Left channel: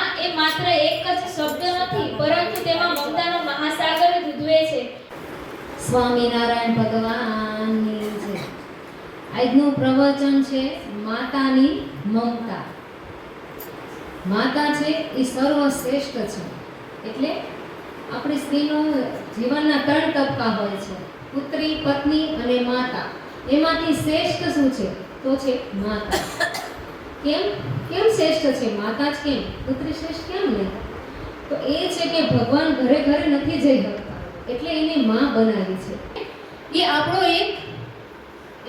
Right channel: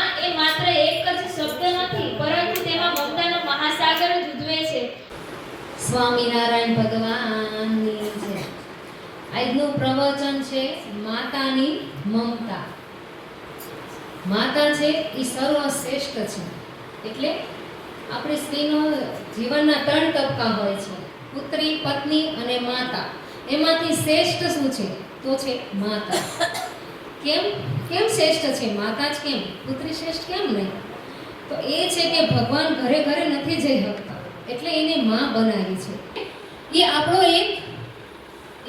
મા એ માત્ર એક જ શબ્દ નથી, પરંતુ તેમાં મમતાનો મહાસાગર જ છે. સ્વામિનારાયણ ભગવાનની જય આજનું પ્રવચન છે માતાની મમતા. માતા છે એ સર્વશ્રેષ્ઠ છે. એટલે આપણી સ્ત્રીનો જીવનના ત્રણ તબક્કા હોય છે, પુત્રી, પત્ની અને માતા. એમાંથી શ્રેષ્ઠ શું છે? તો છે માતા. કેમ? કેમ શ્રેષ્ઠ છે? માતા જ કેમ? પુત્રી શ્રેષ્ઠ કેમ નહીં? તો એ છે કે ભગવાન ઘરે ઘરે નથી જઈ શકતા. એટલે એને માં બનાવી છે. એ આપણો એક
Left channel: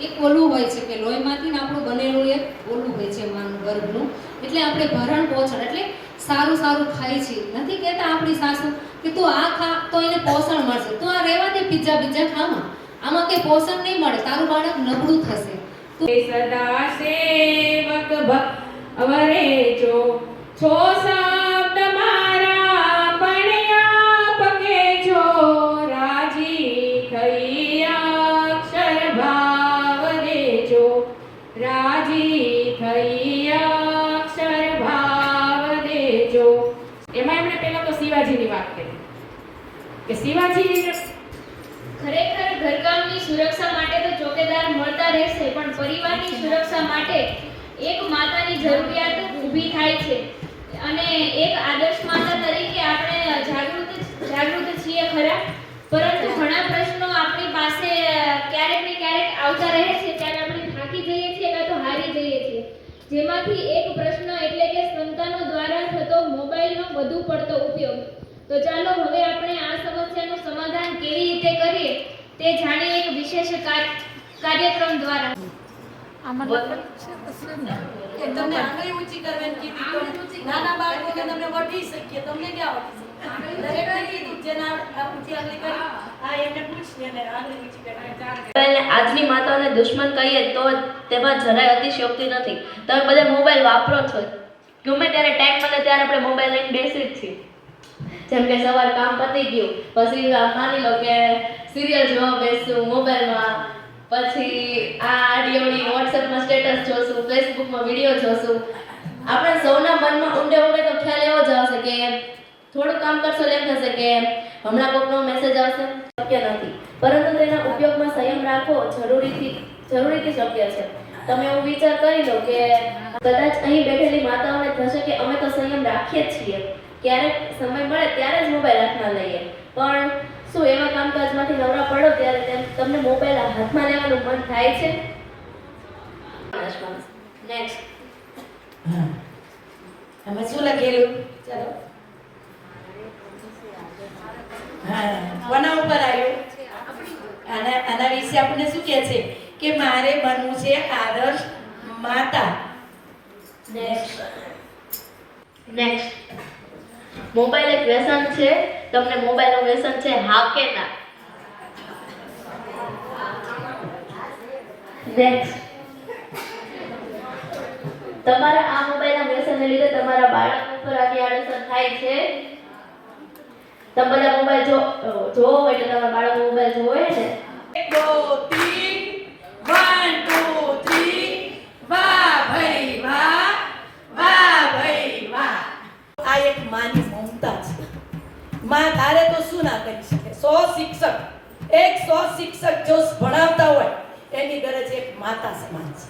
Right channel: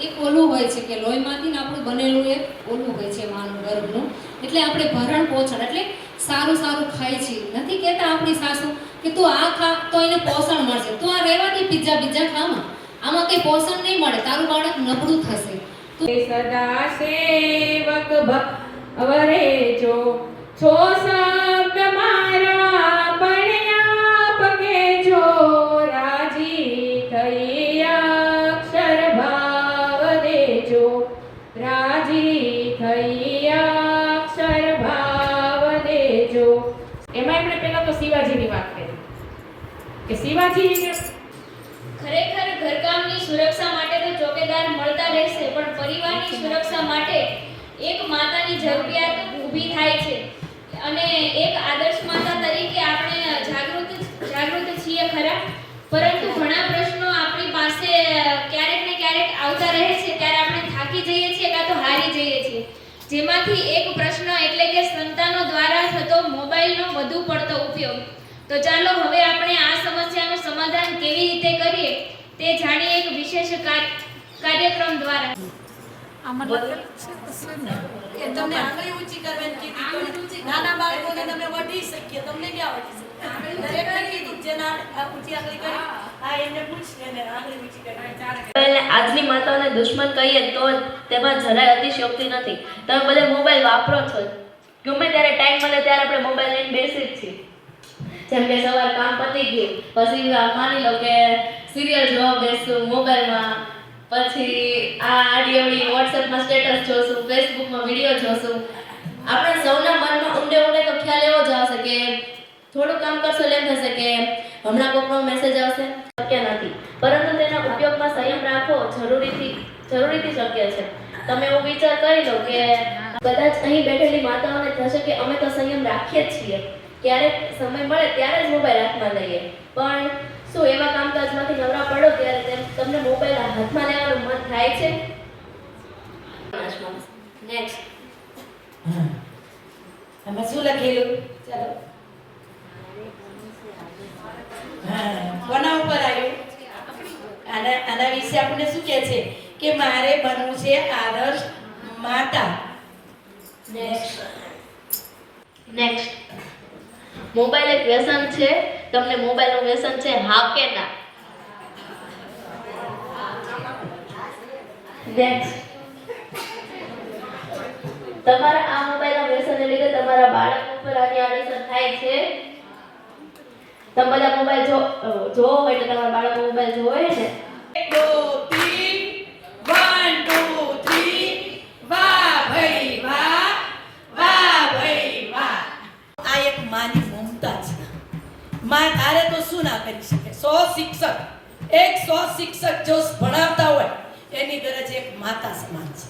એક ઓલું હોય છે કે લોહીમાંથી આપણું બનેલું એક ઓલું હોય છે માનું ગર્ભનું. એટલે આપણે ભરણ પોષણ, એટલે સારું સારું ખાય છે. નથી કહેતા આપણી સાસુ કે તું આ ખા, તો એને પોષણ મળશે. તું આ રહેવાથી પિઝા બીજા ખામાં આમાં કંઈ પોષણ નહીં મળે. તારું બાળક નબળું થશે. સદા સેવક ભવરે જો, છો શબ્દ મારા દેજો એમાં એમણે પેલા તો શિવાજીની વાત કરી. કે શિવાજી ખરેખર ઘરકામની સુરક્ષા માટે તો ચોકીદાર મળતા રહેશે, પણ પરિવારની સુરક્ષા માટે એક માતાની જરૂરિયાત ઊભી થાય છે. અને એક આદર્શ માતા તરીકે આપણે જાગૃત જાગૃત છીએ ખરા. પરંતુ ઘણા પ્રશ્નો આપણી પાસે ક્યારેક ને ક્યારેક આવતા રહે છે. ત્યારે આપણે થાકી જઈએ છીએ કાં તો હારી જઈએ છીએ. જેમાંથી એક પ્રશ્ન એટલે કે સંતાનો દ્વારા થતો મોબાઈલનો વધુ પડતો ઉપયોગ. તો ચાલો હવે આપણે આ સમસ્યાનું સમાધાન કેવી રીતે કરીએ તે જાણીએ એક વિશેષ કાર- કાર્યક્રમ દ્વારા. કે તમને આંગળી ઊંચી કરવાની કીધી નાના બાળકોને તમે વઢી શકીએ તમને ક્યાં વઢી શકીએ? દરેકને કીધું જેના ઊંચી આંગળી કરી આ એને પૂછ એને આંગળી ઊંચી કરવાની મોબાઈલને આજની માતાઓને દુશ્મન કહીએ તો તેમાં જરાય અતિશયોક્તિ નથી. તમે બધા મોબાઈલ વાપરો છો ગમે ત્યારે ટાઈમ મળે ત્યારે આપણે મોબાઈલ લઈને બેસી જ છીએ. જેમ કે સવાર કામ પતી ગયું પછી આ માની લો કે સિરિયલ જોવા બેસું મોબાઈલમાં પછી આ આડીઓડી વોટ્સએપમાં સ્ટેટસ જોશું ફેસબુકમાં વીડિયો જોશું. આપણે સૌના મનમાં ઊંડે ઊંડે તો ખ્યાલ એવો જ આવશે કે થોડું કામ કરશો એમ થશે કે હમણાં કોઈકનો મેસેજ આવશે. શક્ય નથી. પરંતુ તેના ઉપયોગમાં સંયમ રાખવો જરૂરીથી જરૂરીથી શક્ય છે. તમે એવું વિચાર કરી લો કે કદાચ અહીં બેઠેલી માતાઓને થશે કે અમે તો સંયમ રાખીએ જ છીએ. ક્યારેક સમય મળે ત્યારે જ મોબાઈલ હાથમાં લઈએ. પણ શું એવા કામકાજમાંથી નવરા પડો ત્યારે તેમ તમને મોબાઈલ હાથમાં લેવાનું મન થાય છે? નેક્સ્ટ હા શું લખેલું? ચાલો. હા કોના ઉપર આવ્યું? આના આના વિશે આપણને શું કહે છે? કે મારે બનવું છે આદર્શ માતા. નેક્સ્ટ નેક્સ્ટ મોબાઈલ એક વ્યસન છે. તમને મોબાઈલનું વ્યસન છે, હા કે ના? તમારા આ મોબાઈલના વ્યસનને લીધે તમારા બાળક ઉપર આની આડઅસર થાય છે. તમે બધા મોબાઈલ જો જોવો હોય એટલે તમારા બાળકો મોબાઈલ જોવે ને? એક, દો તીન વન ટુ થ્રી વાહ, ભાઈ વાહ આ એક માની મમતા છે માં તારે તો શું ના કરી શકે? સો શિક્ષક. એક સો શિક્ષક જો ભણાવતા હોય, એની ગરજ એક માતા સમાન છે.